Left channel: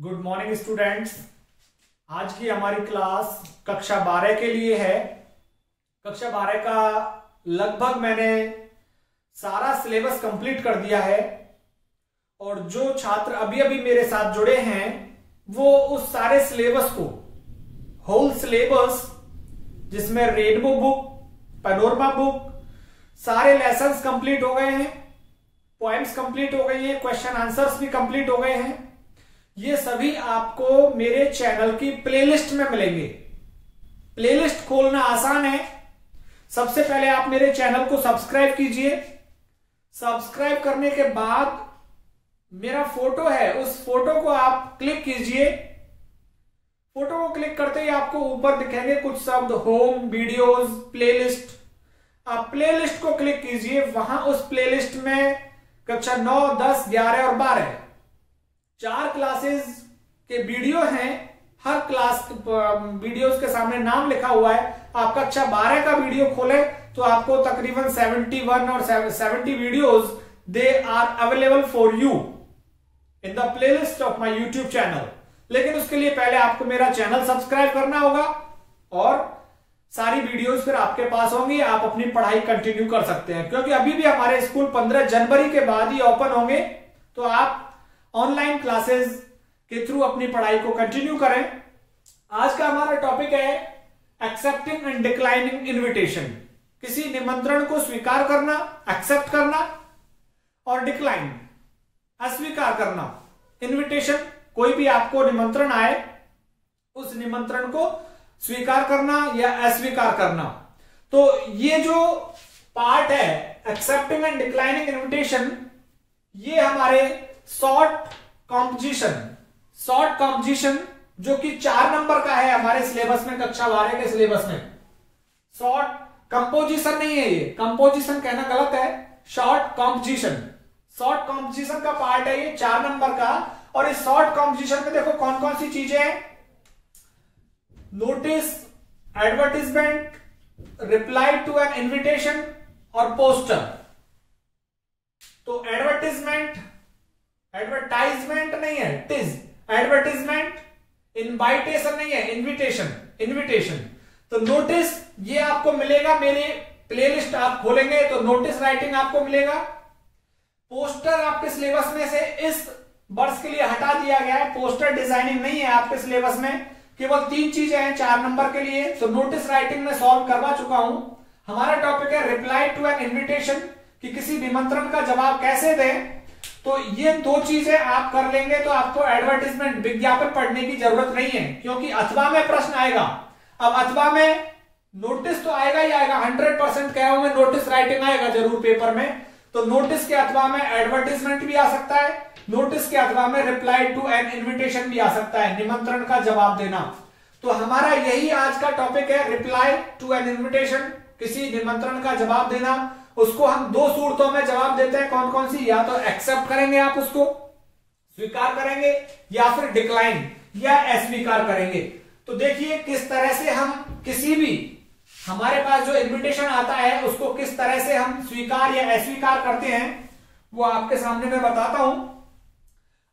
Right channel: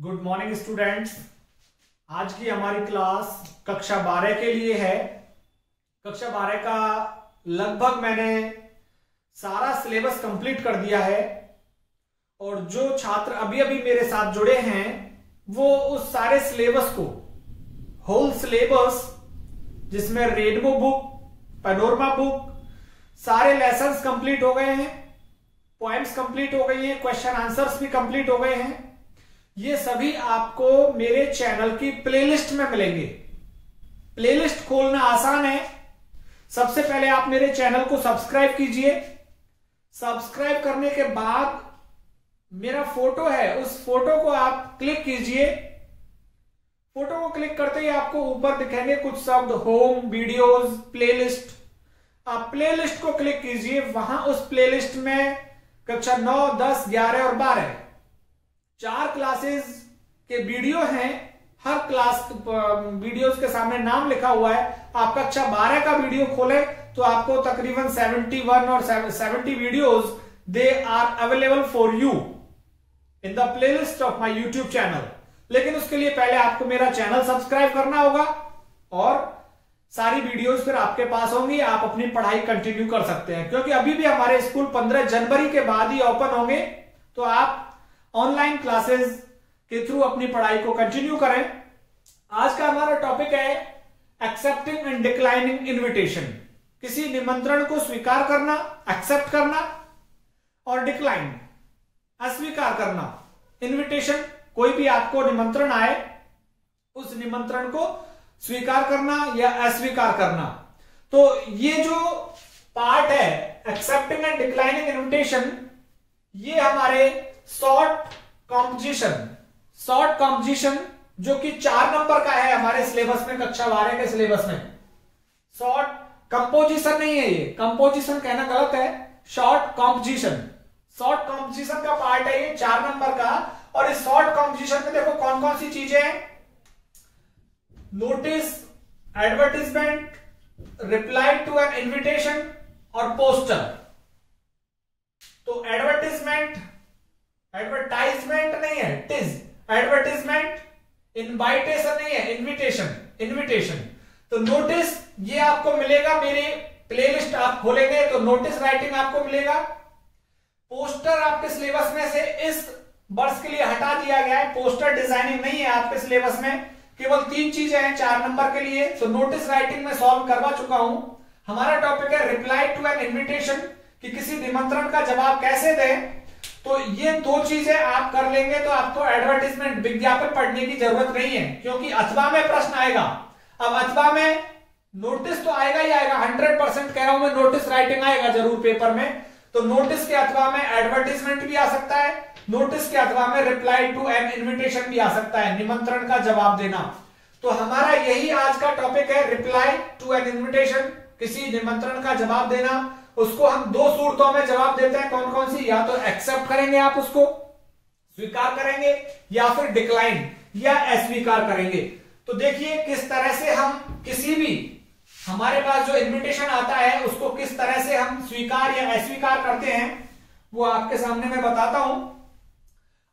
Good morning students. आज की हमारी क्लास कक्षा 12 के लिए है। कक्षा 12 का लगभग मैंने सारा सिलेबस कंप्लीट कर दिया है और जो छात्र अभी अभी मेरे साथ जुड़े हैं वो उस सारे सिलेबस को, होल सिलेबस जिसमें रेनबो बुक, पैनोरमा बुक, सारे लेसन्स कंप्लीट हो गए हैं, पॉइंट्स कंप्लीट हो गई हैं, क्वेश्चन आंसर्स भी कंप्लीट हो गए हैं। ये सभी आपको मेरे चैनल की प्लेलिस्ट में मिलेंगे। प्लेलिस्ट खोलना आसान है। सबसे पहले आप मेरे चैनल को सब्सक्राइब कीजिए। सब्सक्राइब करने के बाद मेरा फोटो है, उस फोटो को आप क्लिक कीजिए। फोटो को क्लिक करते ही आपको ऊपर दिखेंगे कुछ शब्द, होम, वीडियोस, प्लेलिस्ट। आप प्लेलिस्ट को क्लिक कीजिए। वहां उस प्लेलिस्ट में कक्षा 9, 10, 11 और 12 4 क्लासेस के वीडियो हैं। हर क्लास वीडियोस के सामने नाम लिखा हुआ है। आप कक्षा 12 का वीडियो खोले तो आपको तकरीबन 71 और 70 videos they are available for you in the playlist of my YouTube channel. लेकिन उसके लिए पहले आपको मेरा चैनल सब्सक्राइब करना होगा और सारी वीडियोस फिर आपके पास होंगी। आप अपनी पढ़ाई कंटिन्यू कर सकते हैं, क्योंकि अभी भी हमारे स्कूल 15 जनवरी के बाद ही ओपन होंगे। तो आप ऑनलाइन क्लासेस के थ्रू अपनी पढ़ाई को कंटिन्यू करें। आज का हमारा टॉपिक है एक्सेप्टिंग एंड डिक्लाइनिंग इनविटेशन। किसी निमंत्रण को स्वीकार करना, एक्सेप्ट करना, और डिक्लाइन, अस्वीकार करना। इनविटेशन, कोई भी आपको निमंत्रण आए, उस निमंत्रण को स्वीकार करना या अस्वीकार करना। तो ये जो पार्ट है एक्सेप्टिंग एंड डिक्लाइनिंग इनविटेशन, ये हमारे शॉर्ट कॉम्पोजिशन जो कि 4 नंबर का है हमारे सिलेबस में, कक्षा 12 के सिलेबस में। शॉर्ट कंपोजिशन नहीं है, ये कंपोजिशन कहना गलत है, शॉर्ट कॉम्पोजिशन का पार्ट है ये 4 नंबर का। और इस शॉर्ट कॉम्पोजिशन में देखो कौन कौन सी चीजें हैं। Notice, advertisement, reply to an invitation और पोस्टर। तो एडवर्टाइजमेंट नहीं है, एडवर्टीजमेंट, इनवाइटेशन नहीं है, इनविटेशन। तो नोटिस ये आपको मिलेगा, मेरे प्लेलिस्ट आप खोलेंगे तो नोटिस राइटिंग आपको मिलेगा। पोस्टर आपके सिलेबस में से इस वर्ष के लिए हटा दिया गया है। पोस्टर डिजाइनिंग नहीं है आपके सिलेबस में। केवल 3 चीजें हैं 4 नंबर के लिए। तो नोटिस राइटिंग में सॉल्व करवा चुका हूं। हमारा टॉपिक है रिप्लाई टू एन इन्विटेशन, कि किसी निमंत्रण का जवाब कैसे दें। तो ये 2 चीजें आप कर लेंगे तो आपको एडवर्टीजमेंट, विज्ञापन पढ़ने की जरूरत नहीं है, क्योंकि अथवा में प्रश्न आएगा। अब अथवा में नोटिस तो आएगा ही आएगा, 100% कह रहा हूं मैं, नोटिस राइटिंग आएगा जरूर पेपर में। तो नोटिस के अथवा में एडवर्टीजमेंट भी आ सकता है, नोटिस के अथवा में रिप्लाई टू एन इन्विटेशन भी आ सकता है, निमंत्रण का जवाब देना। तो हमारा यही आज का टॉपिक है, रिप्लाई टू एन इन्विटेशन, किसी निमंत्रण का जवाब देना। उसको हम 2 सूरतों में जवाब देते हैं। कौन कौन सी? या तो एक्सेप्ट करेंगे, आप उसको स्वीकार करेंगे, या फिर डिक्लाइन या अस्वीकार करेंगे। तो देखिए किस तरह से हम किसी भी हमारे पास जो इन्विटेशन आता है उसको किस तरह से हम स्वीकार या अस्वीकार करते हैं, वो आपके सामने मैं बताता हूं।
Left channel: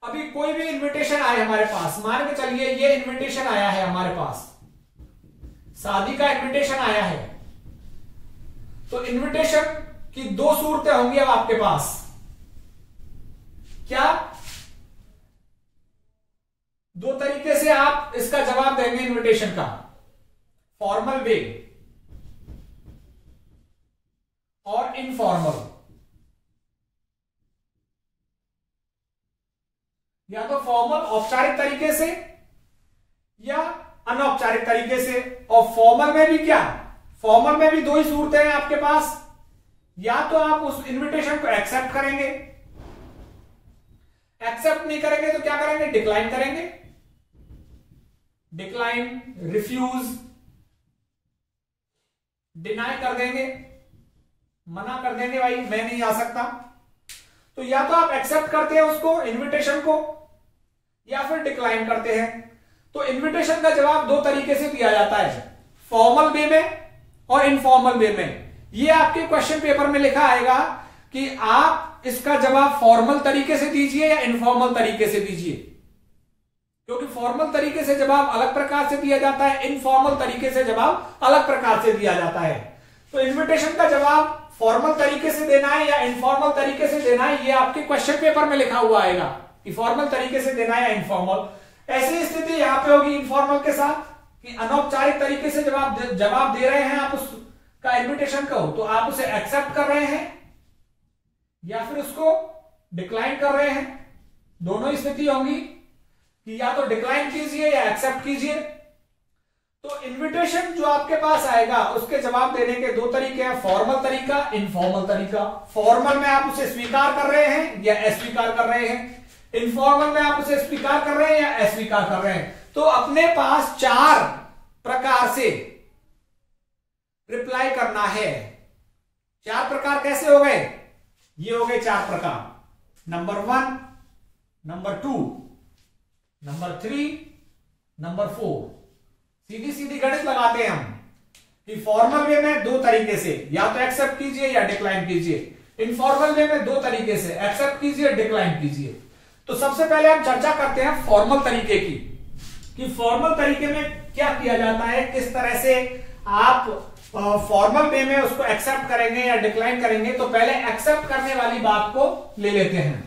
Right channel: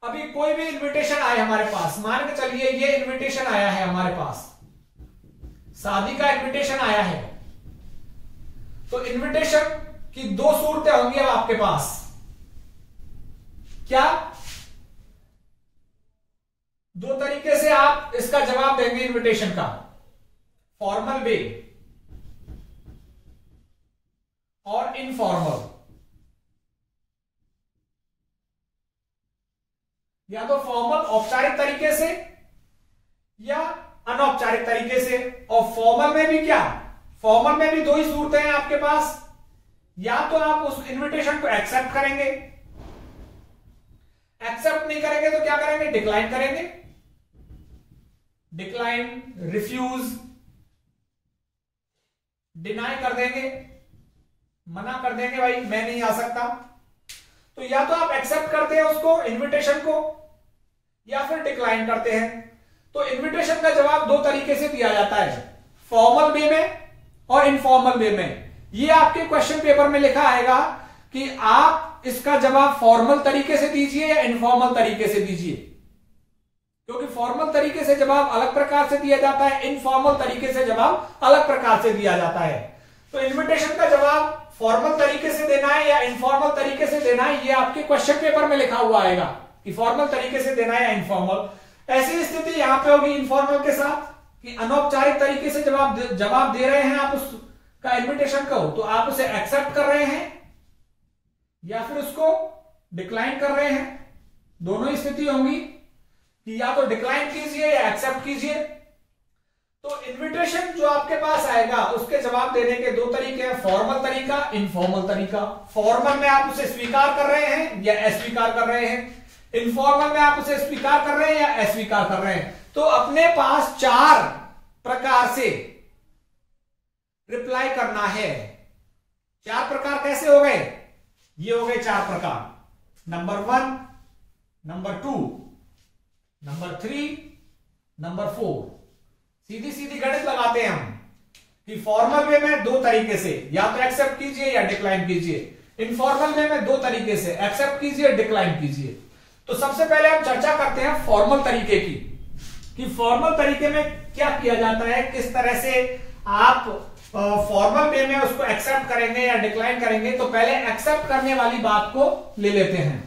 अभी कोई भी इन्विटेशन आए हमारे पास, मान के चलिए ये इन्विटेशन आया है हमारे पास, शादी का इन्विटेशन आया है। तो इन्विटेशन की 2 सूरतें होंगी अब आपके पास। क्या? 2 तरीके से आप इसका जवाब देंगे इन्विटेशन का, फॉर्मल वे और इनफॉर्मल। या तो फॉर्मल, औपचारिक तरीके से, या अनौपचारिक तरीके से। और फॉर्मल में भी क्या? फॉर्मल में भी 2 ही सूरतें हैं आपके पास। या तो आप उस इन्विटेशन को एक्सेप्ट करेंगे, एक्सेप्ट नहीं करेंगे तो क्या करेंगे? डिक्लाइन करेंगे। डिक्लाइन, रिफ्यूज, डिनाई कर देंगे, मना कर देंगे, भाई मैं नहीं आ सकता। तो या तो आप एक्सेप्ट करते हैं उसको, इन्विटेशन को, या फिर डिक्लाइन करते हैं। तो इन्विटेशन का जवाब 2 तरीके से दिया जाता है, फॉर्मल वे में और इनफॉर्मल वे में। ये आपके क्वेश्चन पेपर में लिखा आएगा कि आप इसका जवाब फॉर्मल तरीके से दीजिए या इनफॉर्मल तरीके से दीजिए। क्योंकि फॉर्मल तरीके से जवाब अलग प्रकार से दिया जाता है, इनफॉर्मल तरीके से जवाब अलग प्रकार से दिया जाता है। तो इनविटेशन का जवाब फॉर्मल तरीके से देना है या इनफॉर्मल तरीके से देना है, ये आपके क्वेश्चन पेपर में लिखा हुआ आएगा कि फॉर्मल तरीके से देना है या इनफॉर्मल। ऐसी स्थिति यहां पे होगी इनफॉर्मल के साथ कि अनौपचारिक तरीके से जवाब दे रहे हैं आप उसका इनविटेशन का हो, तो आप उसे एक्सेप्ट कर रहे हैं या फिर उसको डिक्लाइन कर रहे हैं। दोनों स्थिति होंगी कि या तो डिक्लाइन कीजिए या एक्सेप्ट कीजिए। तो इनविटेशन जो आपके पास आएगा उसके जवाब देने के दो तरीके हैं, फॉर्मल तरीका, इनफॉर्मल तरीका। फॉर्मल में आप उसे स्वीकार कर रहे हैं या अस्वीकार कर रहे हैं, इनफॉर्मल में आप उसे स्वीकार कर रहे हैं या अस्वीकार कर रहे हैं। तो अपने पास 4 प्रकार से रिप्लाई करना है। 4 प्रकार कैसे हो गए? ये हो गए 4 प्रकार, नंबर 1, नंबर 2, नंबर 3, नंबर 4। सीधी सीधी गणित लगाते हैं हम कि फॉर्मल वे में 2 तरीके से, या तो एक्सेप्ट कीजिए या डिक्लाइन कीजिए। इनफॉर्मल वे में 2 तरीके से, एक्सेप्ट कीजिए, डिक्लाइन कीजिए। तो सबसे पहले हम चर्चा करते हैं फॉर्मल तरीके की कि फॉर्मल तरीके में क्या किया जाता है, किस तरह से आप फॉर्मल वे में उसको एक्सेप्ट करेंगे या डिक्लाइन करेंगे। तो पहले एक्सेप्ट करने वाली बात को ले लेते हैं।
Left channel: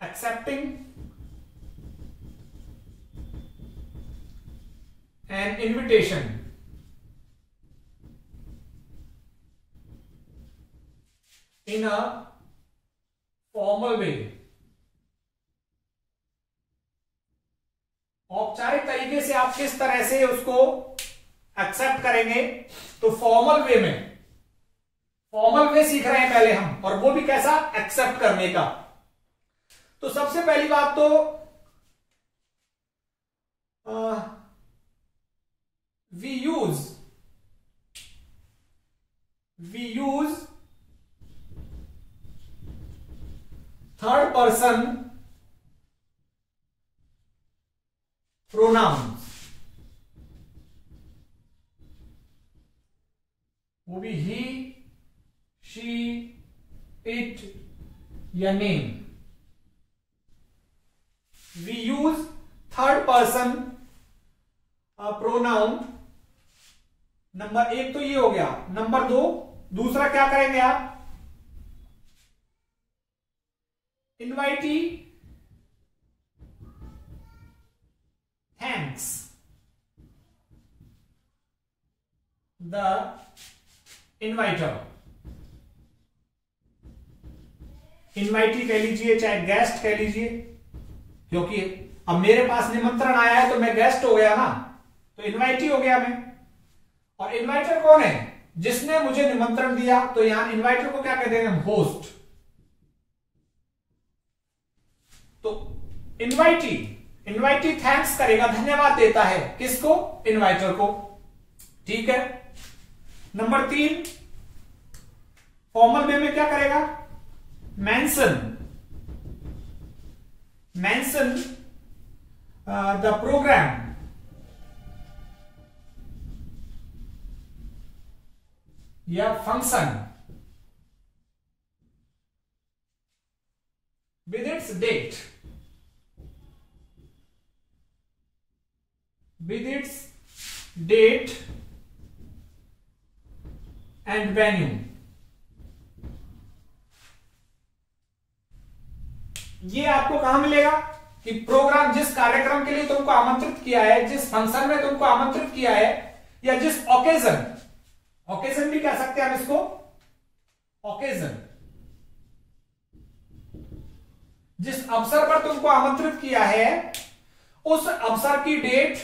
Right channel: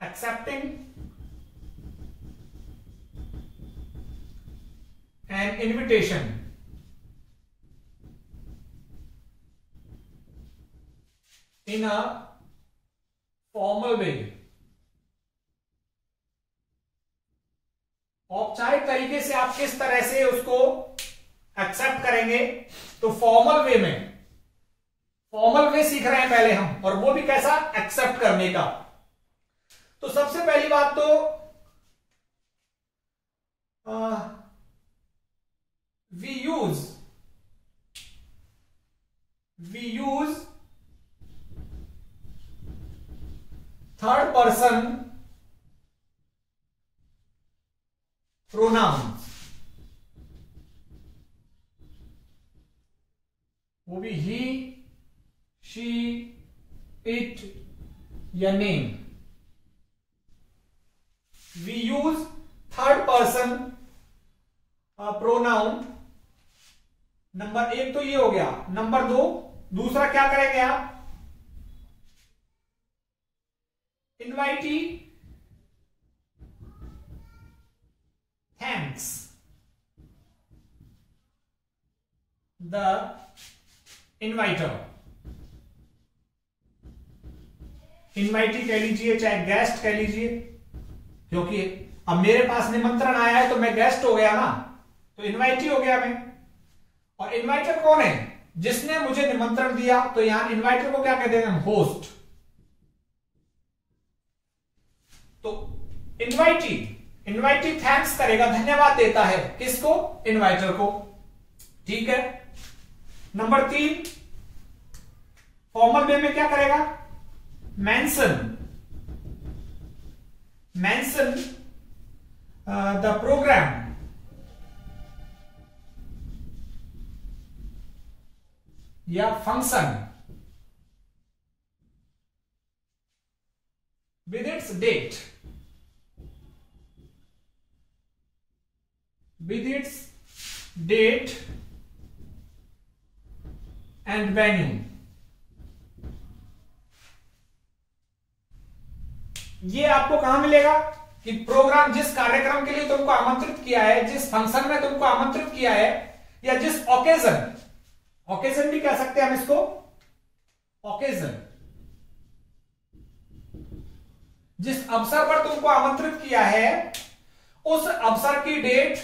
Accepting an invitation in a formal way। औपचारिक तरीके से आप किस तरह से उसको एक्सेप्ट करेंगे, तो फॉर्मल वे में, फॉर्मल वे सीख रहे हैं पहले हम, और वो भी कैसा, एक्सेप्ट करने का। तो सबसे पहली बात तो we use third person pronouns, वो भी ही, शी, इट या name. We use third person pronoun. Number 1 तो ये हो गया। नंबर 2, दूसरा क्या करेंगे आप, इनवाइटी थैंक्स द इनवाइटर। इनवाइटी कह लीजिए चाहे गेस्ट कह लीजिए, क्योंकि अब मेरे पास निमंत्रण आया है तो मैं गेस्ट हो गया ना, तो इनवाइटी हो गया मैं। और इनवाइटर कौन है? जिसने मुझे निमंत्रण दिया। तो यहां इनवाइटर को क्या कहते हैं? होस्ट। तो इनवाइटी थैंक्स करेगा, धन्यवाद देता है किसको? इनवाइटर को। ठीक है। नंबर 3, फॉर्मल वे में क्या करेगा? mention the program या function with its date and venue। ये आपको कहां मिलेगा कि प्रोग्राम, जिस कार्यक्रम के लिए तुमको आमंत्रित किया है, जिस फंक्शन में तुमको आमंत्रित किया है, या जिस ओकेजन भी कह सकते हैं हम इसको, ओकेजन, जिस अवसर पर तुमको आमंत्रित किया है उस अवसर की डेट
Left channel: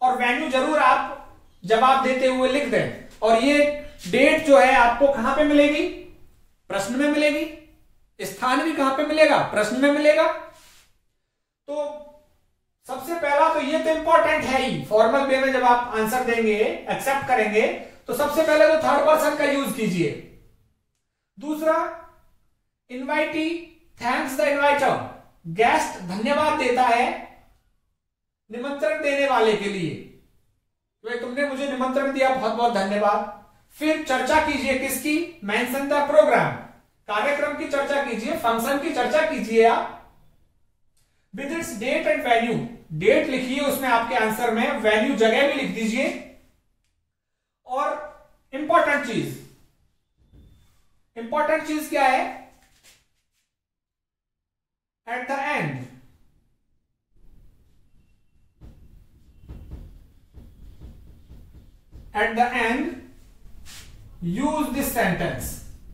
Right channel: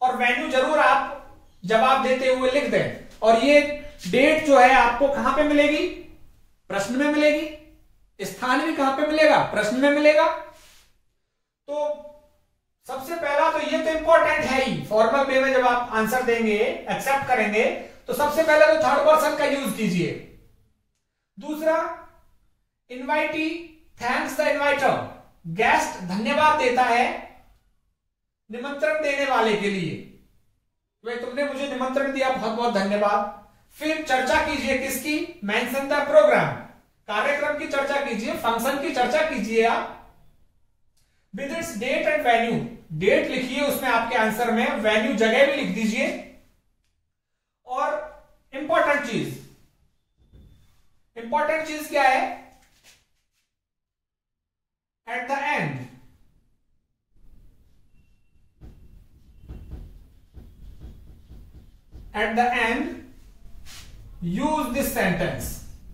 और वेन्यू जरूर आप जवाब देते हुए लिख दें। और ये डेट जो है आपको कहां पे मिलेगी? प्रश्न में मिलेगी। स्थान भी कहां पे मिलेगा? प्रश्न में मिलेगा। तो सबसे पहला तो ये तो इंपॉर्टेंट है ही, फॉर्मल वे में जब आप आंसर देंगे, एक्सेप्ट करेंगे, तो सबसे पहले तो थर्ड पर्सन का यूज कीजिए। दूसरा, इनवाइटी थैंक्स द इनवाइटर, गेस्ट धन्यवाद देता है निमंत्रण देने वाले के लिए, तो तुमने मुझे निमंत्रण दिया, बहुत बहुत धन्यवाद। फिर चर्चा कीजिए किसकी? मेंशन द प्रोग्राम, कार्यक्रम की चर्चा कीजिए, फंक्शन की चर्चा कीजिए आप with its date and venue. Date लिखिए उसमें आपके आंसर में, वेन्यू जगह भी लिख दीजिए। और इंपॉर्टेंट चीज क्या है? At the end use this sentence,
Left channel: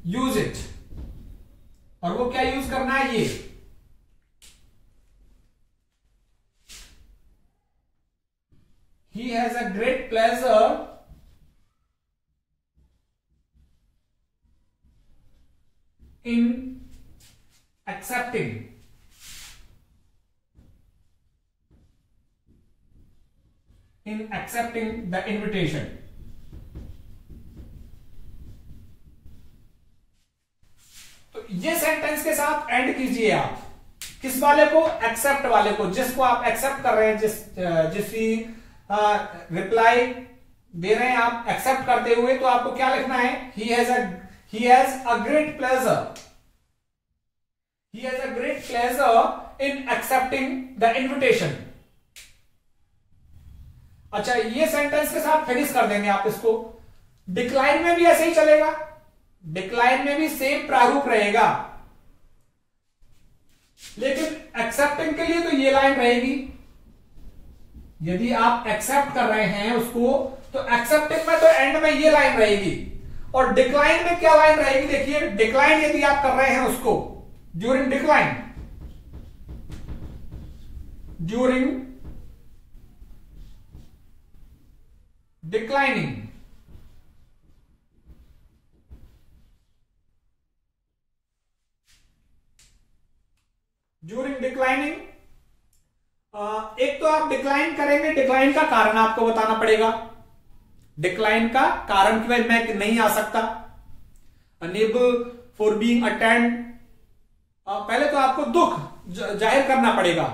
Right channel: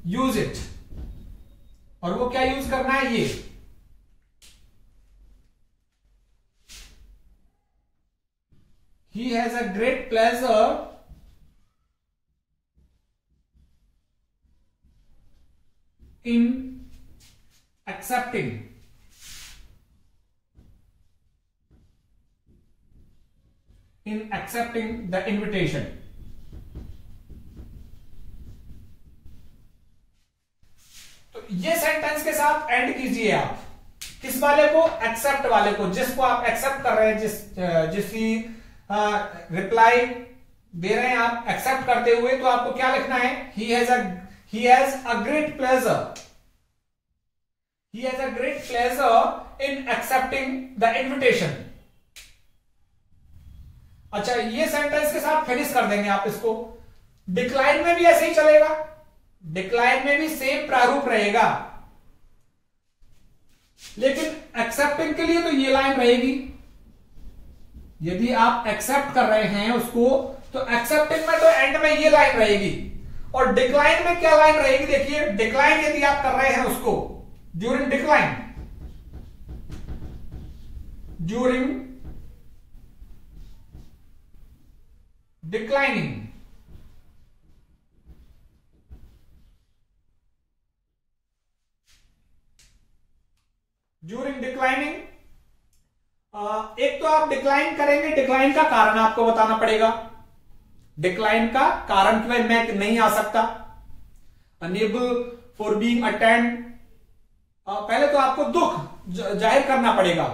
use it. और वो क्या यूज करना है? ये he has a great pleasure in accepting the invitation। तो ये सेंटेंस के साथ एंड कीजिए आप। किस वाले को? एक्सेप्ट वाले को, जिसको आप एक्सेप्ट कर रहे हैं, जिसकी रिप्लाई दे रहे हैं आप एक्सेप्ट करते हुए, तो आपको क्या लिखना है? he has a great pleasure in accepting the invitation। अच्छा, ये सेंटेंस के साथ फिनिश कर देंगे आप इसको। डिक्लाइन में भी ऐसे ही चलेगा, डिक्लाइन में भी सेम प्रारूप रहेगा, लेकिन एक्सेप्टिंग के लिए तो ये लाइन रहेगी। यदि आप एक्सेप्ट कर रहे हैं उसको, तो एक्सेप्टिंग में तो एंड में ये लाइन रहेगी। और डिक्लाइन में क्या लाइन रहेगी? देखिए, डिक्लाइन यदि आप कर रहे हैं उसको, ड्यूरिंग डिक्लाइनिंग एक तो आप डिक्लाइन करेंगे, डिक्लाइन का कारण आपको बताना पड़ेगा। डिक्लाइन का कारण कि भाई मैं नहीं आ सकता, अनेबल फॉर बीइंग अटेंड। पहले तो आपको दुख जाहिर करना पड़ेगा,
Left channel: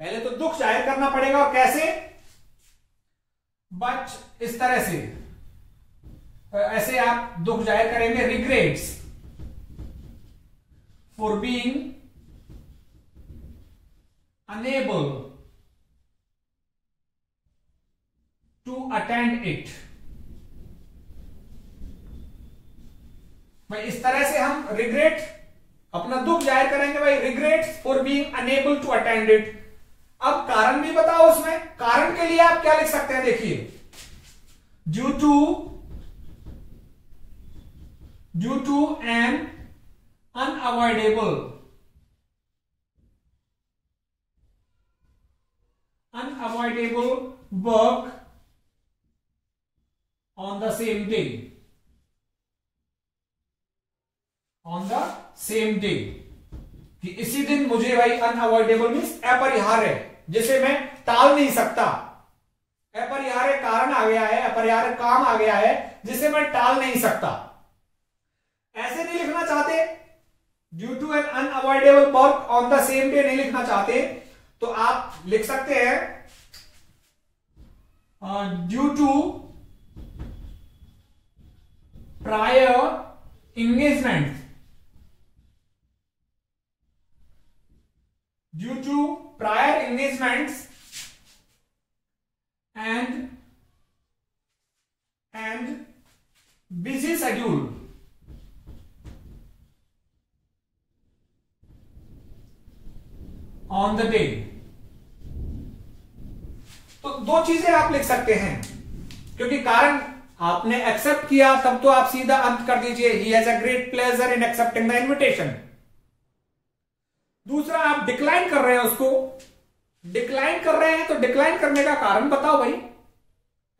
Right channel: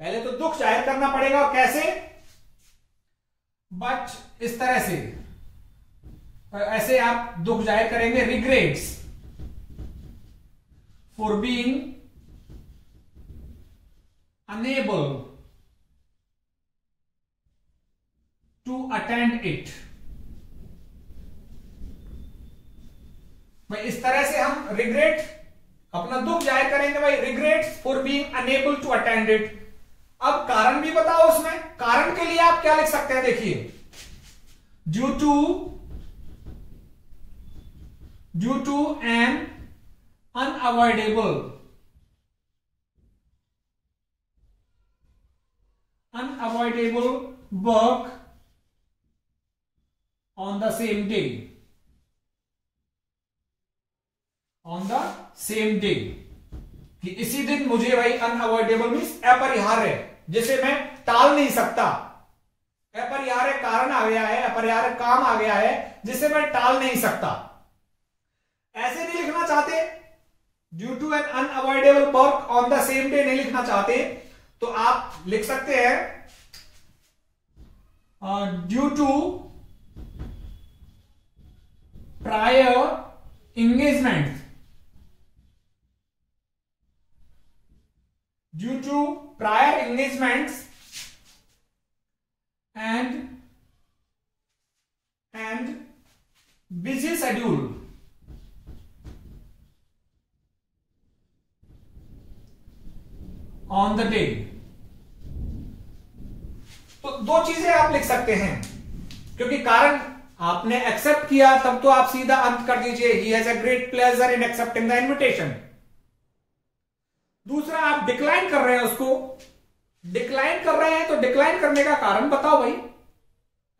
पहले तो दुख जाहिर करना पड़ेगा। और कैसे? बट इस तरह से, ऐसे आप दुख जाहिर करेंगे, regrets for being unable to attend it। भाई इस तरह से हम रिग्रेट, अपना दुख जाहिर करेंगे, भाई regrets for being unable to attend it. अब कारण भी बताओ उसमें। कारण के लिए आप क्या लिख सकते हैं? देखिए, due to an unavoidable work on the same day। कि इसी दिन मुझे, भाई अनअवॉइडेबल मीन्स अपरिहार्य, जिसे मैं टाल नहीं सकता। अपरिहार्य कारण आ गया है, अपरिहार्य काम आ गया है, जिसे मैं टाल नहीं सकता। ऐसे नहीं लिखना चाहते, due to an unavoidable work on the same day नहीं लिखना चाहते, तो आप लिख सकते हैं due to prior engagement. Due to prior engagements and busy schedule on the day। तो दो चीजें आप लिख सकते हैं, क्योंकि कारण आपने एक्सेप्ट किया, तब तो आप सीधा अंत कर दीजिए, he has a great pleasure in accepting the invitation. दूसरा, आप डिक्लाइन कर रहे हैं उसको, डिक्लाइन कर रहे हैं तो डिक्लाइन करने का कारण बताओ भाई।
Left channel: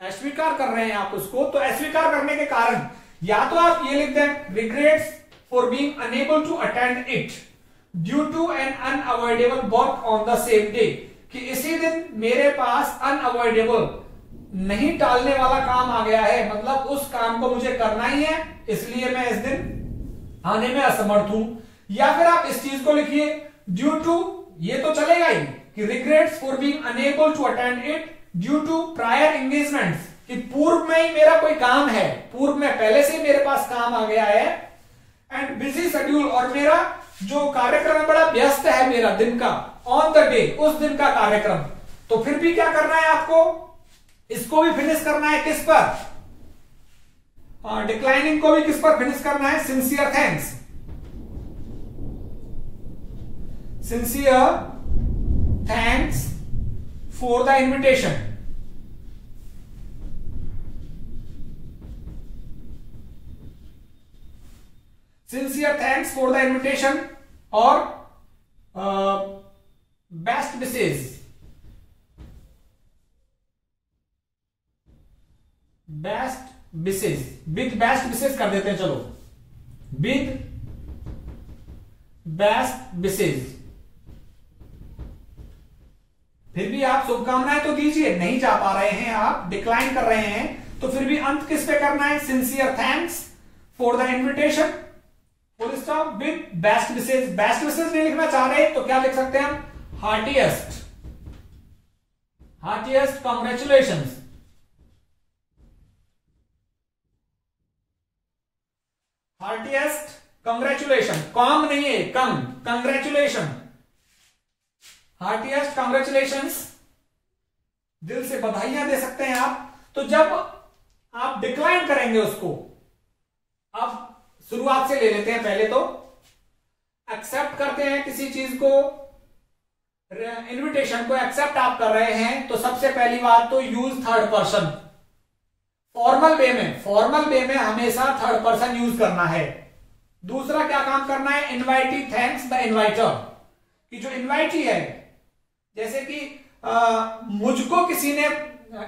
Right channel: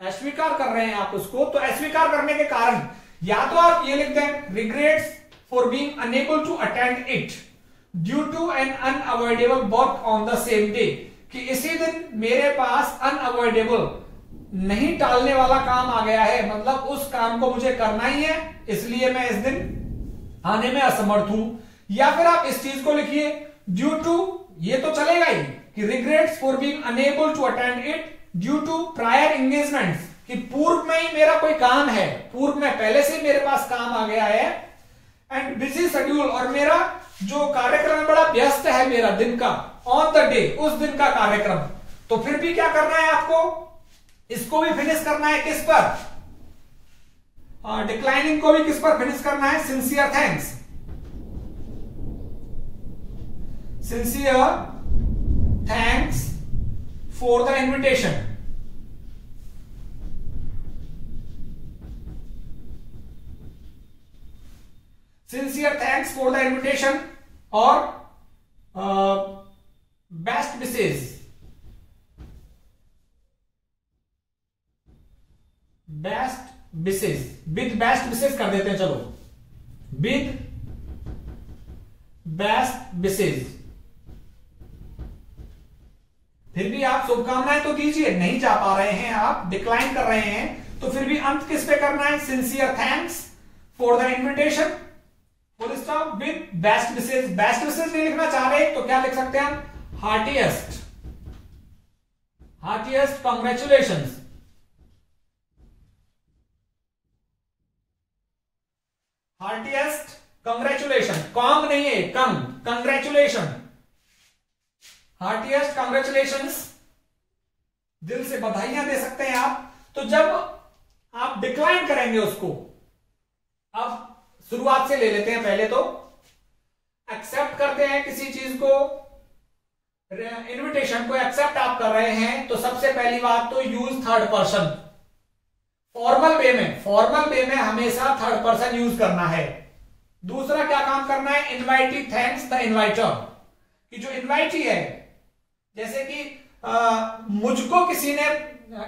अस्वीकार कर रहे हैं आप उसको, तो अस्वीकार करने के कारण या तो आप ये लिख दें regrets for being unable to attend it due to an unavoidable work on the same day, कि इसी दिन मेरे पास अनअवॉइडेबल नहीं टालने वाला काम आ गया है, मतलब उस काम को मुझे करना ही है, इसलिए मैं इस दिन आने में असमर्थ हूं। या फिर आप इस चीज को लिखिए ड्यू टू, ये तो चलेगा ही कि regrets for being unable to attend it due to prior engagements, कि पूर्व में ही मेरा कोई काम है, पूर्व में पहले से ही मेरे पास काम आ गया है, एंड बिजी शेड्यूल, और मेरा जो कार्यक्रम है बड़ा व्यस्त है मेरा दिन का, ऑन द डे, उस दिन का कार्यक्रम, तो फिर भी क्या करना है आपको, इसको भी फिनिश करना है किस पर, डिक्लाइनिंग को भी किस पर फिनिश करना है, sincere thanks, sincere thanks for the invitation, sincere thanks for the invitation, और best wishes, best wishes, with best wishes कर देते हैं, चलो विद बेस्ट विशेष। फिर भी आप शुभकामनाएं तो दीजिए, नहीं जा पा रहे हैं आप, डिक्लाइन कर रहे हैं, तो फिर भी अंत किस पे करना है, sincere thanks for the invitation, full stop, with best wishes. Best wishes नहीं लिखना चाह रहे तो क्या लिख सकते हैं हम, heartiest, heartiest congratulations, heartiest congratulation, com नहीं है, कम, कंग्रेचुलेशन, हार्टिएस्ट कंग्रेचुलेशंस, दिल से बधाइयां दे सकते हैं आप। तो जब आप डिक्लाइन करेंगे उसको, अब शुरुआत से ले लेते हैं, पहले तो एक्सेप्ट करते हैं किसी चीज को, इनविटेशन को एक्सेप्ट आप कर रहे हैं, तो सबसे पहली बात तो use third person, formal way में हमेशा थर्ड पर्सन यूज करना है। दूसरा क्या काम करना है, इनवाइटी थैंक्स द इनवाइटर, कि जो इनवाइटी है, जैसे कि मुझको किसी ने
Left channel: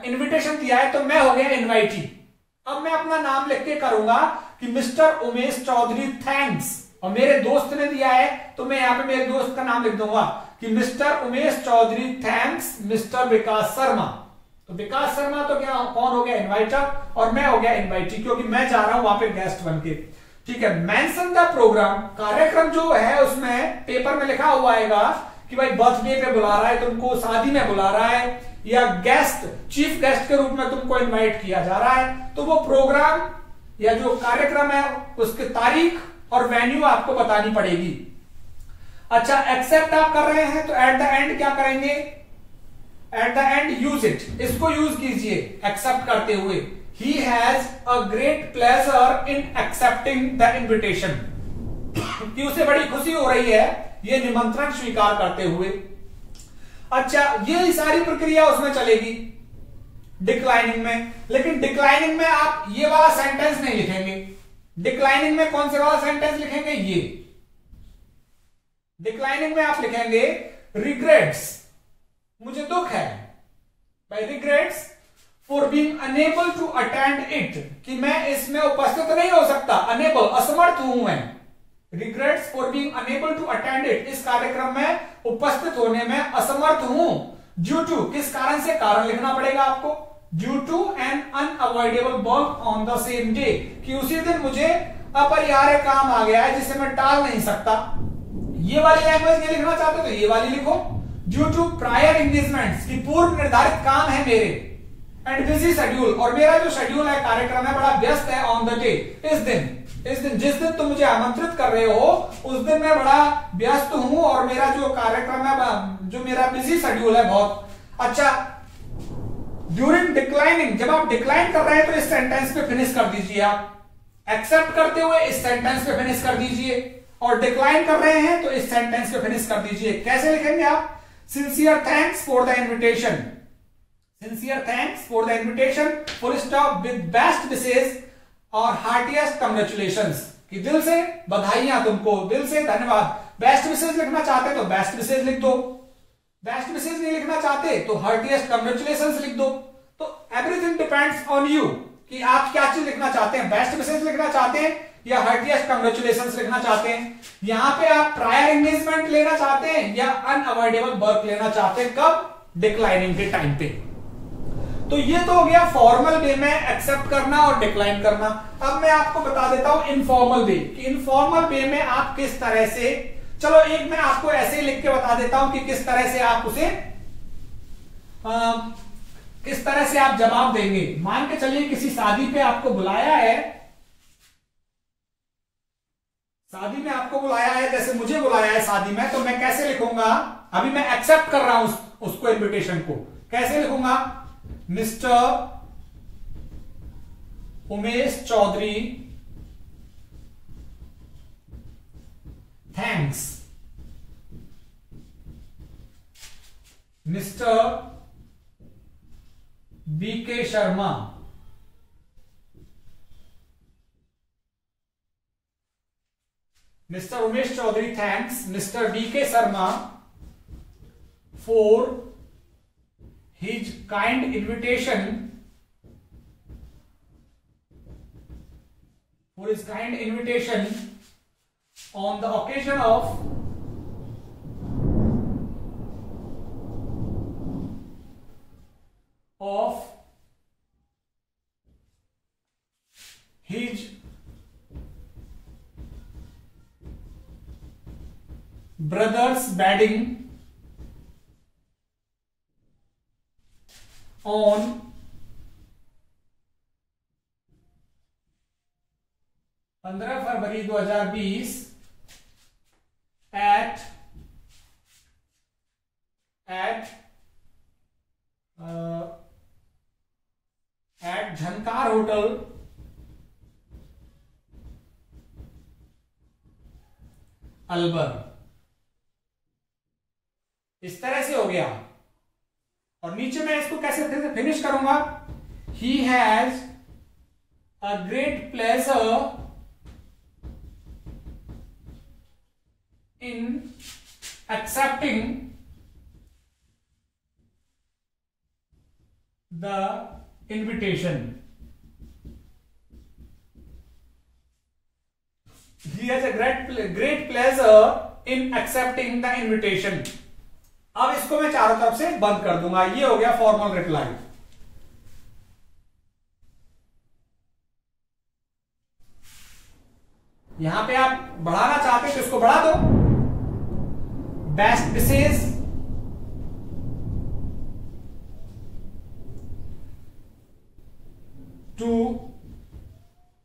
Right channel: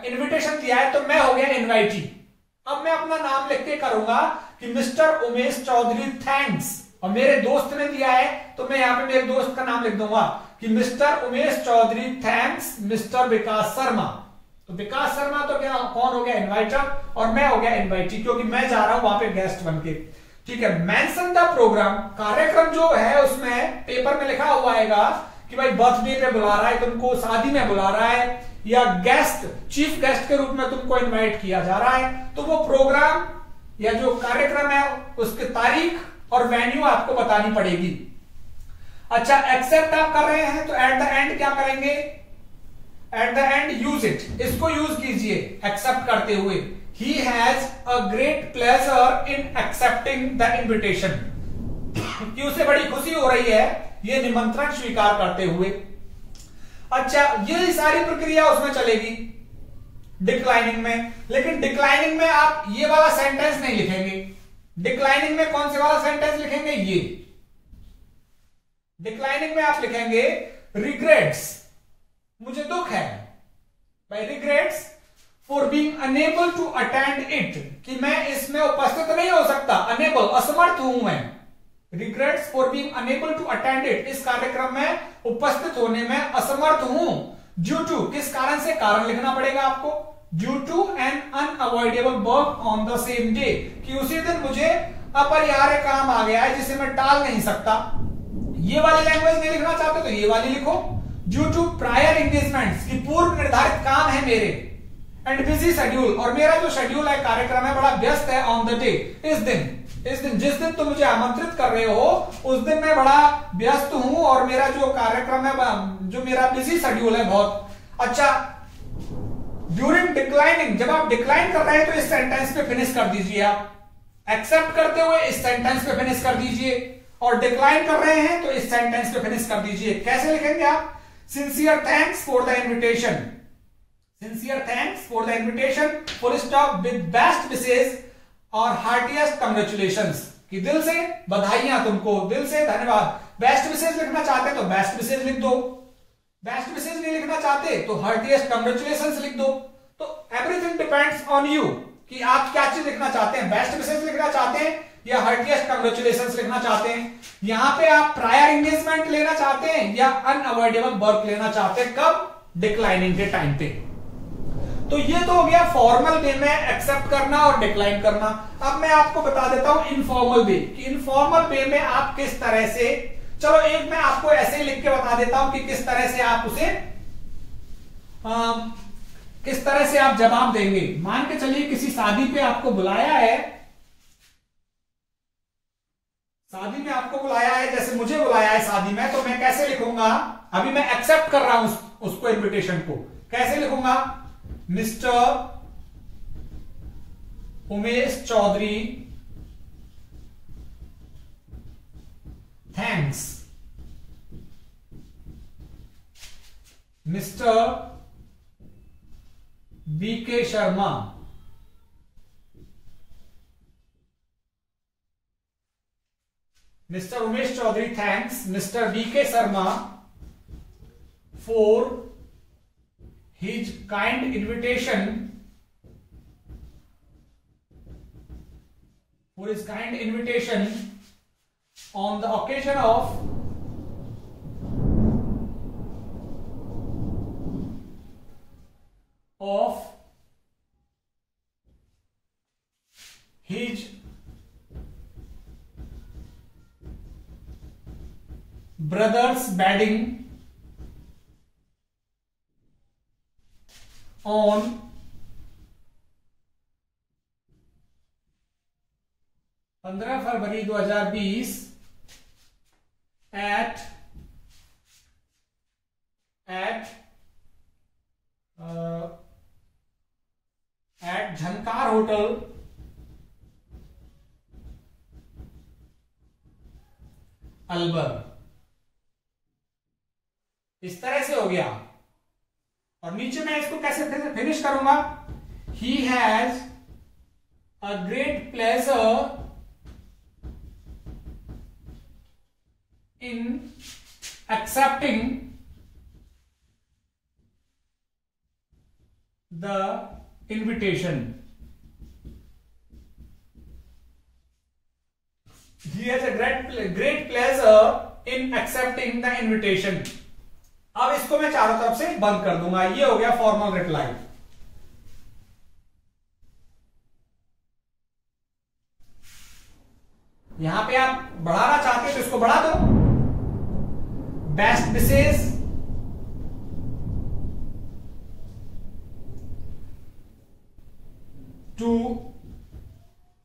इनविटेशन दिया है तो मैं हो गया इनवाइटी, अब मैं अपना नाम लिख के करूंगा कि मिस्टर उमेश चौधरी थैंक्स, और मेरे दोस्त ने दिया है तो मैं यहां पे मेरे दोस्त का नाम लिख दूंगा कि mister Umesh Chaudhary thanks mister Vikas Sharma. तो विकास शर्मा तो क्या, कौन हो गया, इनवाइटर, और मैं हो गया इनवाइटी, क्योंकि मैं जा रहा हूं वहां पे गेस्ट बन के। ठीक है, मेंशन द प्रोग्राम, कार्यक्रम जो है उसमें पेपर में लिखा हुआ आएगा कि भाई बर्थडे पे बुला रहा है तुमको, शादी में बुला रहा है, या गेस्ट, चीफ गेस्ट के रूप में तुमको इनवाइट किया जा रहा है, तो वो प्रोग्राम या जो कार्यक्रम है उसकी तारीख और वेन्यू आपको बतानी पड़ेगी। अच्छा, एक्सेप्ट आप कर रहे हैं तो एट द एंड क्या करेंगे, at the end use it, इसको यूज कीजिए एक्सेप्ट करते हुए, he has a great pleasure in accepting the invitation, कि उसे बड़ी खुशी हो रही है ये निमंत्रण स्वीकार करते हुए। अच्छा, ये सारी प्रक्रिया उसमें चलेगी डिक्लाइनिंग में, लेकिन डिक्लाइनिंग में आप ये वाला सेंटेंस नहीं लिखेंगे। डिक्लाइनिंग में कौन से वाला सेंटेंस लिखेंगे, ये डिक्लाइनिंग में आप लिखेंगे रिग्रेट्स, मुझे दुख है, भाई regrets for being unable to attend it, कि मैं इसमें उपस्थित नहीं हो सकता, अनेबल असमर्थ हूं मैं, regrets for being unable to attend it, इस कार्यक्रम में उपस्थित होने में असमर्थ हूं, ड्यू टू, किस कारण से, कारण लिखना पड़ेगा आपको, due to an unavoidable work on the same day, कि उसी दिन मुझे अपरिहार्य काम आ गया है जिसे मैं टाल नहीं सकता। ये वाली लैंग्वेज नहीं लिखना चाहते तो ये वाली लिखो, ड्यू टू प्रायर एंगेजमेंट्स, की पूर्व निर्धारित काम है मेरे, एंड बिजी शेड्यूल, और मेरा जो शेड्यूल है, कार्यक्रम है, बड़ा व्यस्त है, ऑन द डे, इस दिन जिस दिन तुम मुझे आमंत्रित कर रहे हो उस दिन मैं बड़ा व्यस्त हूं, और मेरा जो कार्यक्रम है, जो मेरा बिजी शेड्यूल है बहुत। अच्छा, ड्यूरिंग डिक्लाइनिंग, जब आप डिक्लाइन कर रहे हैं तो इस सेंटेंस पे फिनिश कर दीजिए, आप एक्सेप्ट करते हुए इस सेंटेंस पे फिनिश कर दीजिए, और डिक्लाइन कर रहे हैं तो इस सेंटेंस पे फिनिश कर दीजिए। कैसे लिखेंगे आप, sincere thanks for the invitation, sincere thanks for the invitation, full stop, with best wishes और हार्टिएस्ट कंग्रेचुलेशंस, कि दिल से बधाइयां तुमको, दिल से धन्यवाद। बेस्ट विशेष लिखना चाहते तो बेस्ट विशेष लिख दो, बेस्ट विशेष नहीं लिखना चाहते तो हार्टिएस्ट कंग्रेचुलेशंस लिख दो। तो एवरीथिंग डिपेंड्स ऑन यू, कि आप क्या चीज लिखना चाहते हैं, बेस्ट विशेष लिखना चाहते हैं या हार्टिएस्ट कंग्रेचुलेशंस लिखना चाहते हैं। यहां पे आप प्रायर एंगेजमेंट लेना चाहते हैं या अनअवॉइडेबल वर्क लेना चाहते हैं, कब, डिक्लाइनिंग के टाइम पे। तो ये तो हो गया फॉर्मल वे में एक्सेप्ट करना और डिक्लाइन करना। अब मैं आपको बता देता हूं इनफॉर्मल वे, कि इनफॉर्मल वे में आप किस तरह से, चलो एक मैं आपको ऐसे ही लिख के बता देता हूं कि किस तरह से आप उसे किस तरह से आप जवाब देंगे। मान के चलिए किसी शादी पे आपको बुलाया है, शादी में आपको बुलाया है, जैसे मुझे बुलाया है शादी में, तो मैं कैसे लिखूंगा? अभी मैं एक्सेप्ट कर रहा हूं उसको, इनविटेशन को कैसे लिखूंगा? Mr Umesh Chaudhary thanks, Mr BK Sharma Mr. Umesh Chaudhary thanks Mr. B.K. Sharma for his kind invitation on the occasion of his brother's wedding on 15 February 2020 at Jhankar hotel Alwar. इस तरह से हो गया। और नीचे मैं इसको कैसे फिनिश करूंगा? He has a great pleasure in accepting the invitation. He has a great pleasure in accepting the invitation। अब इसको मैं चारों तरफ से बंद कर दूंगा। ये हो गया फॉर्मल रिप्लाई। यहां पे आप बढ़ाना चाहते हो तो इसको बढ़ा दो। Best wishes to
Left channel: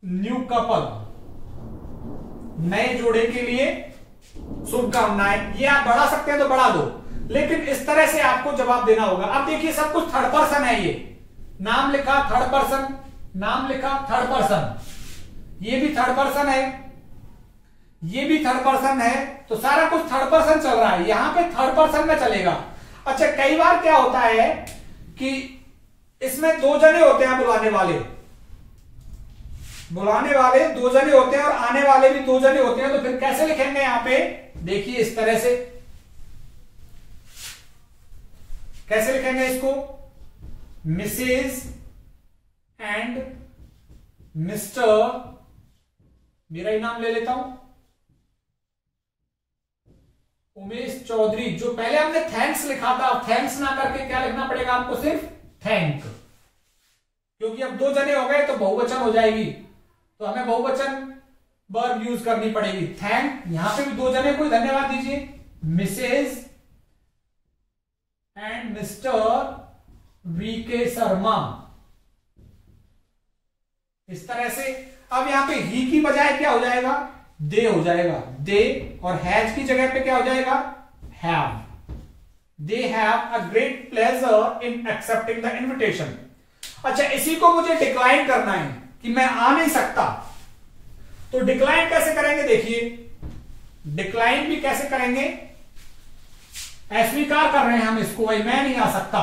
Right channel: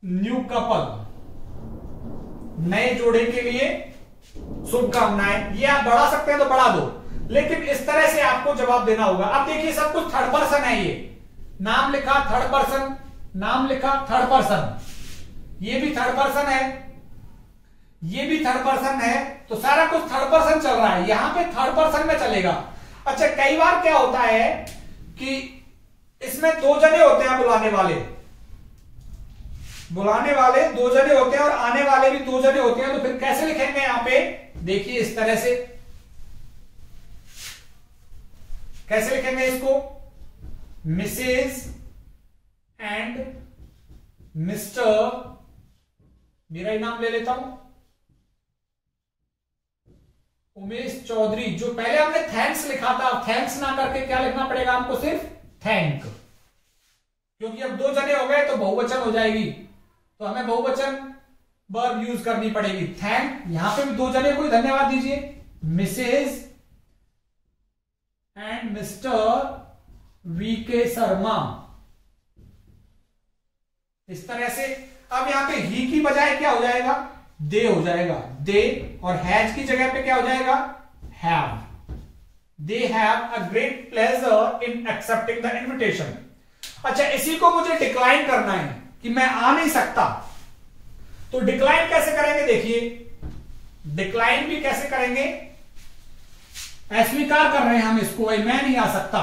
new couple, नए जोड़े के लिए शुभकामनाएं। ये आप बढ़ा सकते हैं तो बढ़ा दो, लेकिन इस तरह से आपको जवाब देना होगा। अब देखिए सब कुछ थर्ड पर्सन है। ये नाम लिखा थर्ड पर्सन, नाम लिखा थर्ड पर्सन, ये भी थर्ड पर्सन है, ये भी थर्ड पर्सन है, तो सारा कुछ थर्ड पर्सन चल रहा है। यहां पे थर्ड पर्सन में चलेगा। अच्छा, कई बार क्या होता है कि इसमें दो जने होते हैं बुलाने वाले दो जने होते हैं और आने वाले भी दो जने होते हैं। तो फिर कैसे लिखेंगे? यहां पे देखिए इस तरह से कैसे लिखेंगे इसको? मिसेज एंड मिस्टर, मेरा ही नाम ले लेता हूं, उमेश चौधरी। जो पहले हमने थैंक्स लिखा था, अब थैंक्स ना करके क्या लिखना पड़ेगा आपको? सिर्फ थैंक, क्योंकि अब दो जने हो गए तो बहुवचन हो जाएगी, तो हमें बहुवचन वर्ब यूज करनी पड़ेगी। थैंक, यहां पे भी दो जने को धन्यवाद दीजिए, Mrs and Mr VK Sharma. इस तरह से अब यहां पे ही की बजाय क्या हो जाएगा? दे हो जाएगा, दे। और हैज की जगह पे क्या हो जाएगा? Have. They have a great pleasure in accepting the invitation. अच्छा, इसी को मुझे डिक्लाइन करना है कि मैं आ नहीं सकता, तो डिक्लाइन कैसे करेंगे? देखिए, डिक्लाइन भी कैसे करेंगे? अस्वीकार कर रहे हैं हम इसको, भाई मैं नहीं आ सकता,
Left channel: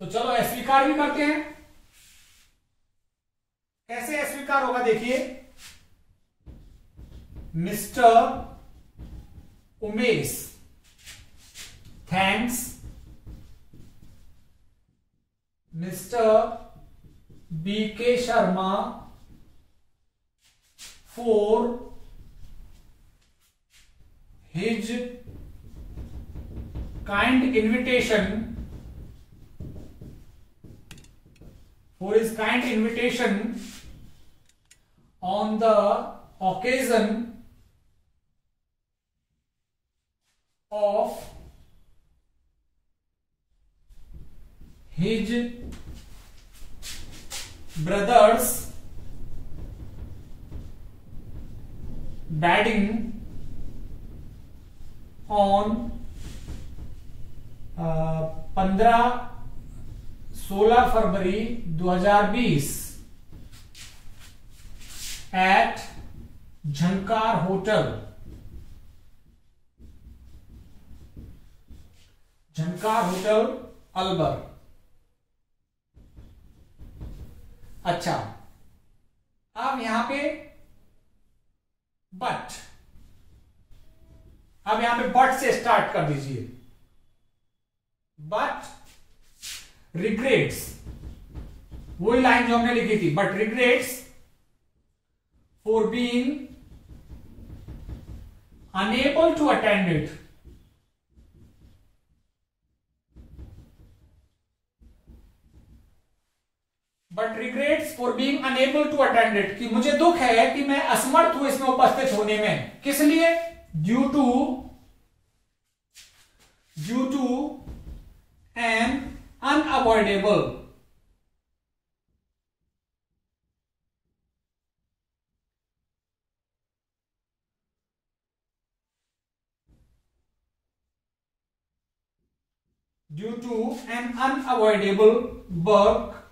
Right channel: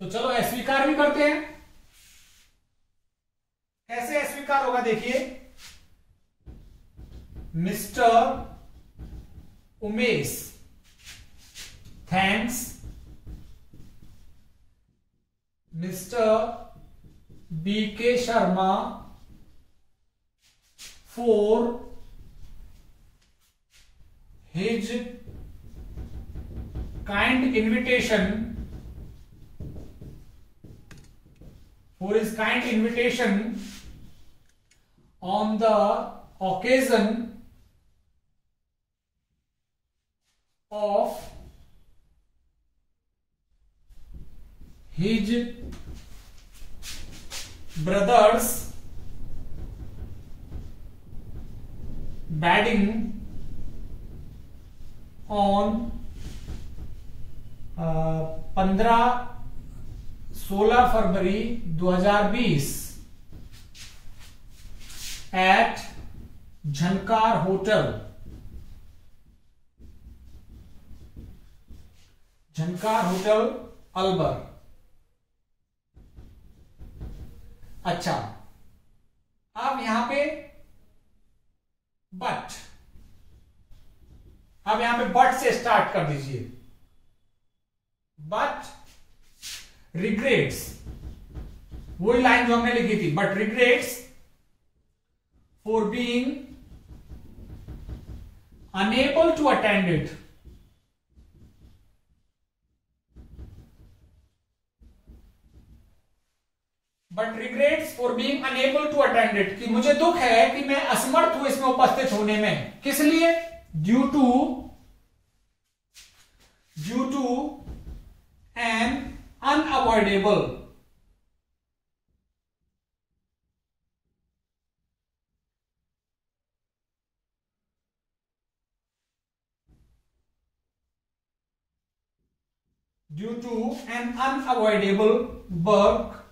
तो चलो अस्वीकार भी करते हैं। कैसे अस्वीकार होगा? देखिए, Mr Umesh thanks Mr BK Sharma for his kind invitation on the occasion of his brother's wedding on 16 February 2020 at Jhankar hotel, Jhankar hotel Alwar. अच्छा, अब यहां पे बट, अब यहां पे बट से स्टार्ट कर दीजिए। बट रिग्रेट्स, वही लाइन जो हमने लिखी थी, but regrets for being unable to attend it, but regrets for being unable to attend it, कि मुझे दुख है कि मैं असमर्थ हूं इसमें उपस्थित होने में। किस लिए? Due to an unavoidable, due to an unavoidable work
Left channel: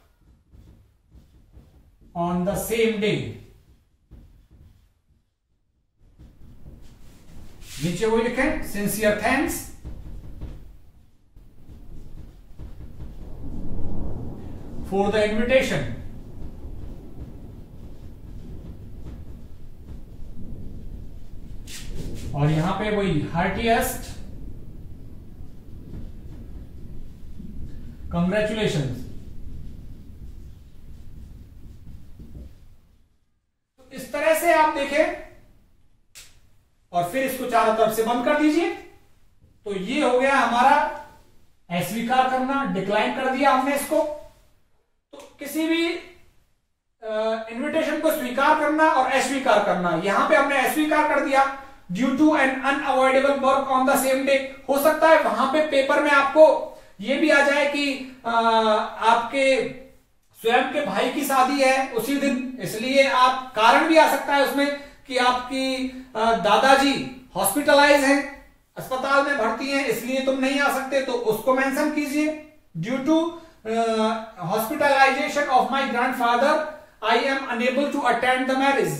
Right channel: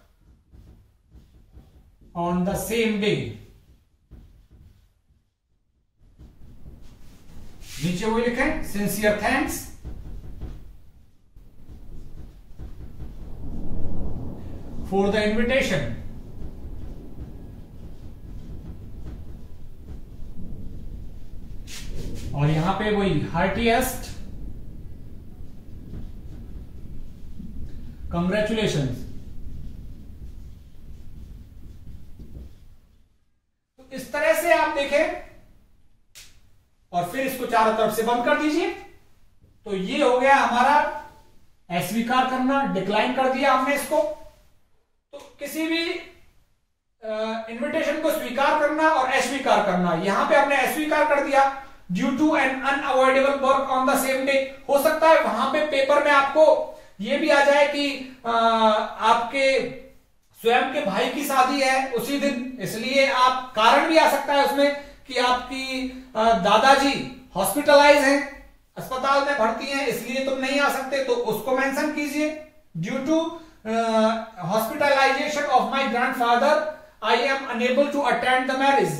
on the same day। नीचे वो लिखें, sincere thanks for the invitation, और यहां पे वही हार्टीएस्ट कंग्रेचुलेशंस। इस तरह से आप देखें और फिर इसको चारों तरफ से बंद कर दीजिए। तो ये हो गया हमारा अस्वीकार करना, डिक्लाइन कर दिया हमने इसको। तो किसी भी इनविटेशन को स्वीकार करना और अस्वीकार करना, यहां पे हमने अस्वीकार कर दिया due to an unavoidable work on the same day. हो सकता है वहां पे पेपर में आपको ये भी आ जाए कि आपके स्वयं के भाई की शादी है उसी दिन, इसलिए आप कारण भी आ सकता है उसमें कि आपकी दादाजी हॉस्पिटलाइज हैं, अस्पताल में भर्ती हैं, इसलिए तुम नहीं आ सकते, तो उसको मेंशन कीजिए। Due to hospitalization of my grandfather I am unable to attend the marriage.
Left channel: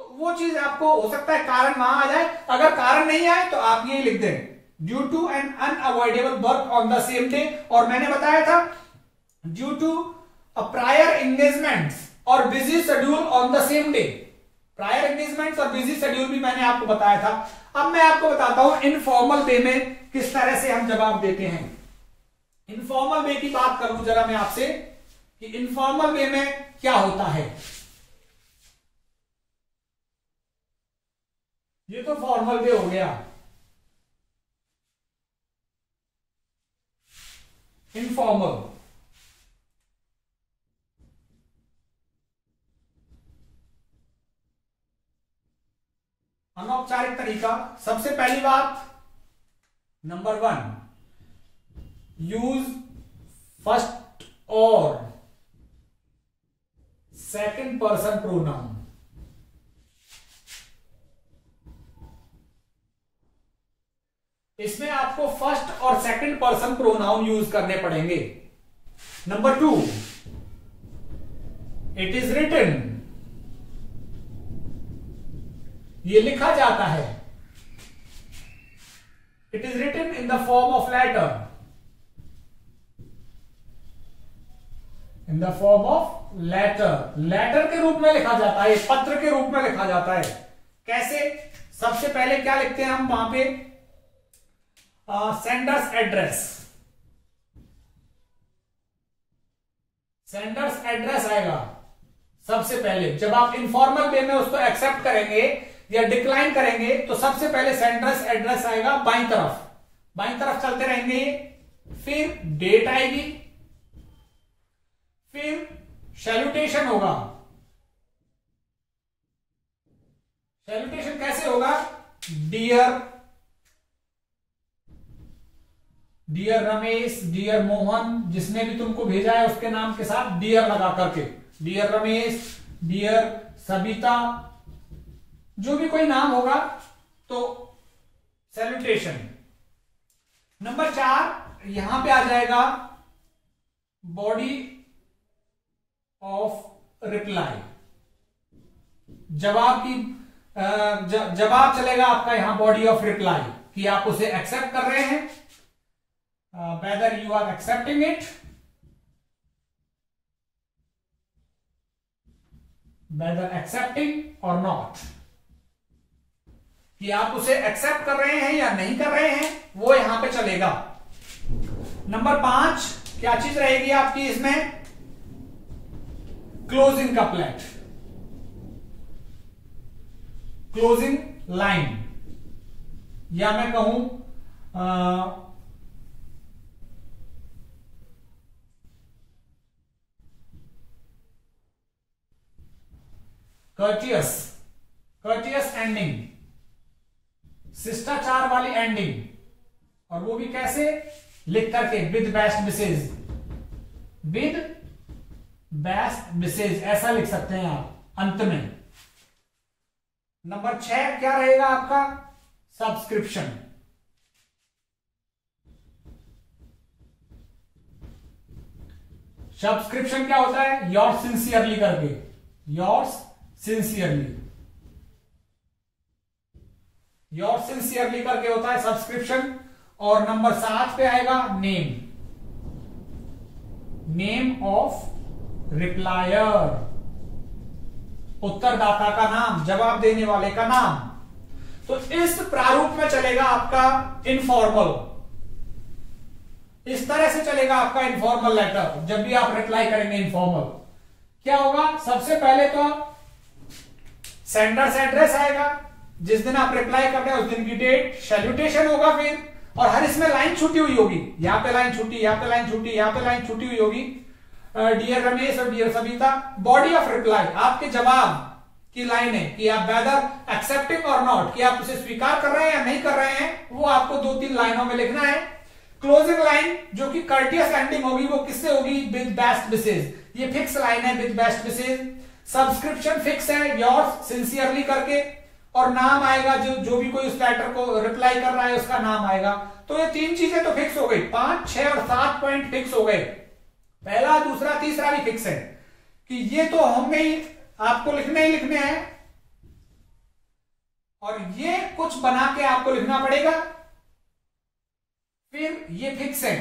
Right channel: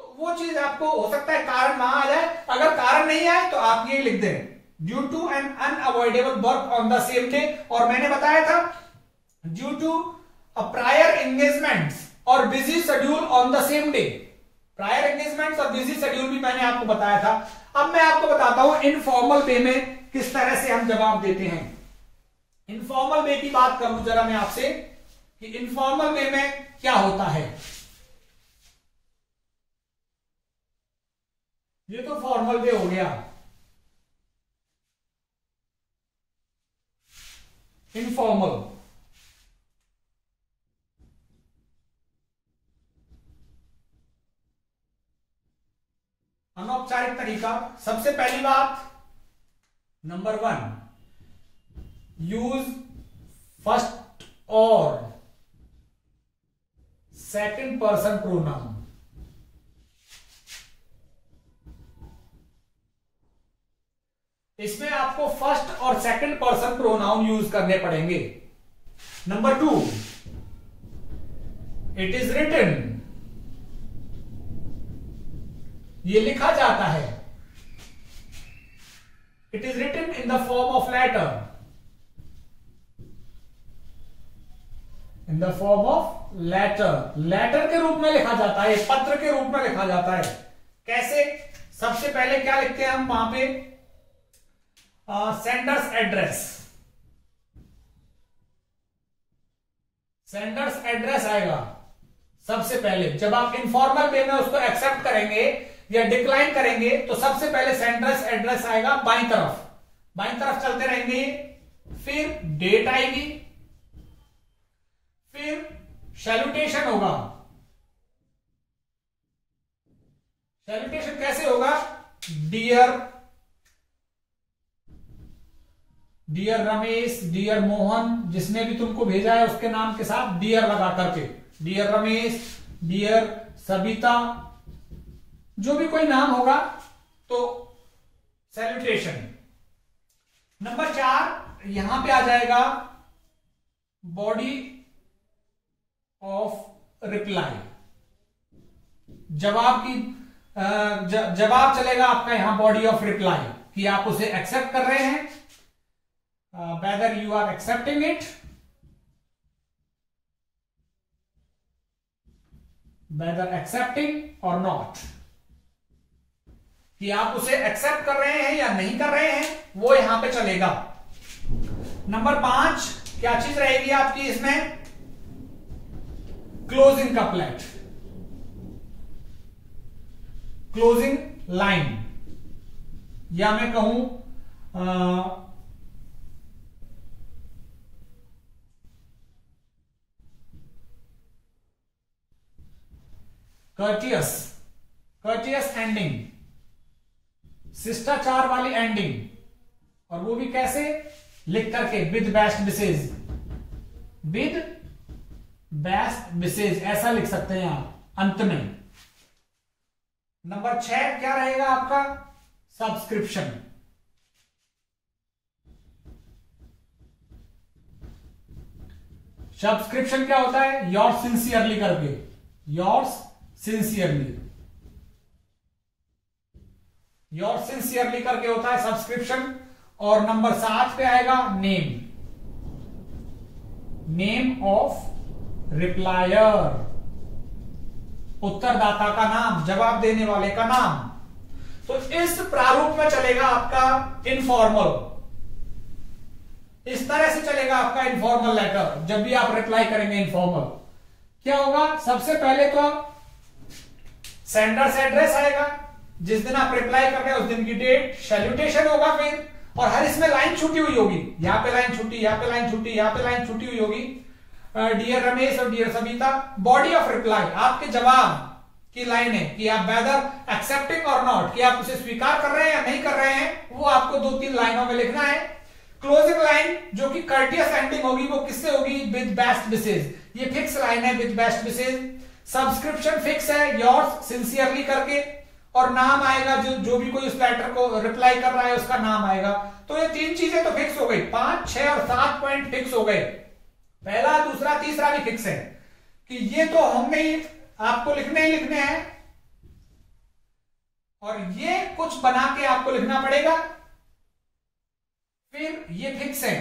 तो वो चीज आपको हो सकता है कारण वहां आ जाए। अगर कारण नहीं आए तो आप ये लिख दें due to an unavoidable work on the same day. और मैंने बताया था due to a prior engagements और busy schedule on the same day. Prior engagements और बिजी शेड्यूल भी मैंने आपको बताया था। अब मैं आपको बताता हूं इनफॉर्मल वे में किस तरह से हम जवाब देते हैं। इनफॉर्मल वे की बात करूं जरा मैं आपसे कि इनफॉर्मल वे में क्या होता है। ये तो फॉर्मल वे हो गया। इनफॉर्मल, अनौपचारिक तरीका। सबसे पहली बात, नंबर 1, यूज फर्स्ट और सेकंड पर्सन प्रोनाउन। इसमें आपको फर्स्ट और सेकंड पर्सन प्रोनाउन यूज करने पड़ेंगे। नंबर 2, इट इज रिटन, ये लिखा जाता है। It is written in the form of letter, in the form of letter, letter के रूप में लिखा जाता है, पत्र के रूप में लिखा जाता है। कैसे? सबसे पहले क्या लिखते हैं हम वहां पे, सेंडर्स एड्रेस, सेंडर्स एड्रेस आएगा सबसे पहले। जब आप इनफॉर्मल वे में उसको एक्सेप्ट करेंगे या डिक्लाइन करेंगे तो सबसे पहले सेंडर्स एड्रेस आएगा बाईं तरफ, बाईं तरफ चलते रहेंगे, फिर डेट आएगी, फिर सैल्यूटेशन होगा। सैल्यूटेशन कैसे होगा? Dear, dear Ramesh, dear Mohan, जिसने भी तुमको भेजा है उसके नाम के साथ डियर लगा करके, डियर रमेश, डियर सबिता, जो भी कोई नाम होगा तो सैल्यूटेशन। नंबर 4 यहां पे आ जाएगा बॉडी ऑफ रिप्लाई। जवाब चलेगा आपका यहां बॉडी ऑफ रिप्लाई कि आप उसे एक्सेप्ट कर रहे हैं, whether you are accepting it, whether accepting और नॉट, कि आप उसे एक्सेप्ट कर रहे हैं या नहीं कर रहे हैं, वो यहां पे चलेगा। नंबर 5 क्या चीज रहेगी आपकी इसमें, क्लोजिंग कपलेट, क्लोजिंग लाइन, या मैं कहूं कर्टियस एंडिंग, शिष्टाचार वाली एंडिंग, और वो भी कैसे, लिख करके with best wishes, with best wishes ऐसा लिख सकते हैं आप अंत में। नंबर 6 क्या रहेगा आपका, सब्सक्रिप्शन। सब्सक्रिप्शन क्या होता है, योर्स सिंसियरली करके, योर्स सिंसियरली, योर्स सिंसियरली करके होता है सब्सक्रिप्शन। और नंबर 7 पे आएगा नेम, नेम ऑफ रिप्लायर, उत्तरदाता का नाम, जवाब देने वाले का नाम। तो इस प्रारूप में चलेगा आपका इनफॉर्मल, इस तरह से चलेगा आपका इनफॉर्मल लेटर। जब भी आप रिप्लाई करेंगे इनफॉर्मल, क्या होगा, सबसे पहले तो सेंडर्स एड्रेस आएगा, जिस दिन आप रिप्लाई कर रहे हैं उस दिन की डेट, सैल्यूटेशन होगा फिर, और हर इसमें लाइन छूटी हुई होगी, यहां पे लाइन छूटी, यहां पे लाइन छूटी, यहां पे लाइन छूटी हुई होगी, डियर रमेश और dear Savita. Body of reply, आपके जवाब की लाइन है कि आप वेदर एक्सेप्टिंग और नॉट, कि आप उसे स्वीकार कर रहे हैं या नहीं कर रहे हैं, वो आपको 2-3 लाइनों में लिखना है। क्लोजिंग लाइन जो कि कर्टियस एंडिंग होगी, वो किससे होगी, विद बेस्ट विशेष, ये फिक्स लाइन है, with best wishes. Subscription fix है, योर्स सिंसियरली करके, और नाम आएगा, जो भी कोई उस लेटर को रिप्लाई कर रहा है उसका नाम आएगा। तो ये 3 चीजें तो फिक्स हो गई, 5, 6 और 7 पॉइंट फिक्स हो गए। पहला, दूसरा, तीसरा भी फिक्स है कि ये तो हमने ही आपको लिखने ही लिखने हैं, और ये कुछ बना के आपको लिखना पड़ेगा। फिर ये फिक्स है,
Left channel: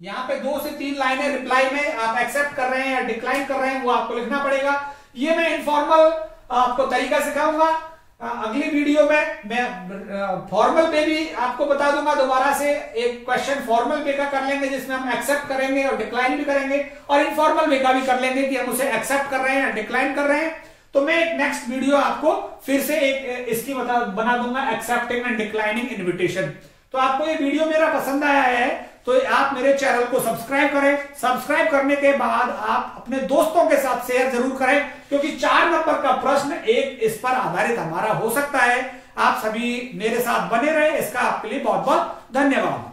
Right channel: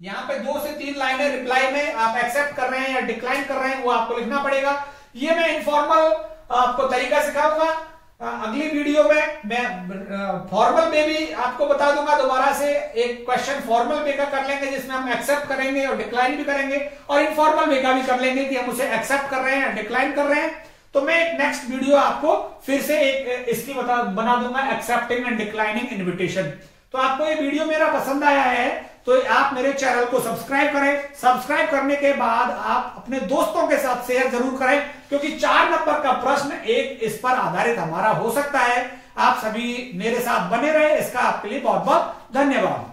यहां पे 2 से 3 लाइनें रिप्लाई में आप एक्सेप्ट कर रहे हैं या डिक्लाइन कर रहे हैं, वो आपको लिखना पड़ेगा। ये मैं इनफॉर्मल आपको तरीका सिखाऊंगा। अगली वीडियो में मैं फॉर्मल पे भी आपको बता दूंगा। दोबारा से एक क्वेश्चन फॉर्मल पे का कर लेंगे, जिसमें हम एक्सेप्ट करेंगे और डिक्लाइन भी करेंगे, और इनफॉर्मल वे का भी कर लेंगे कि हम उसे एक्सेप्ट कर रहे हैं या डिक्लाइन कर रहे हैं। तो मैं एक नेक्स्ट वीडियो आपको फिर से एक इसकी बना दूंगा, एक्सेप्टिंग एंड डिक्लाइनिंग इन्विटेशन। तो आपको ये वीडियो मेरा पसंद आया है तो आप मेरे चैनल को सब्सक्राइब करें। सब्सक्राइब करने के बाद आप अपने दोस्तों के साथ शेयर जरूर करें, क्योंकि 4 नंबर का प्रश्न एक इस पर आधारित हमारा हो सकता है। आप सभी मेरे साथ बने रहे, इसका आपके लिए बहुत बहुत धन्यवाद।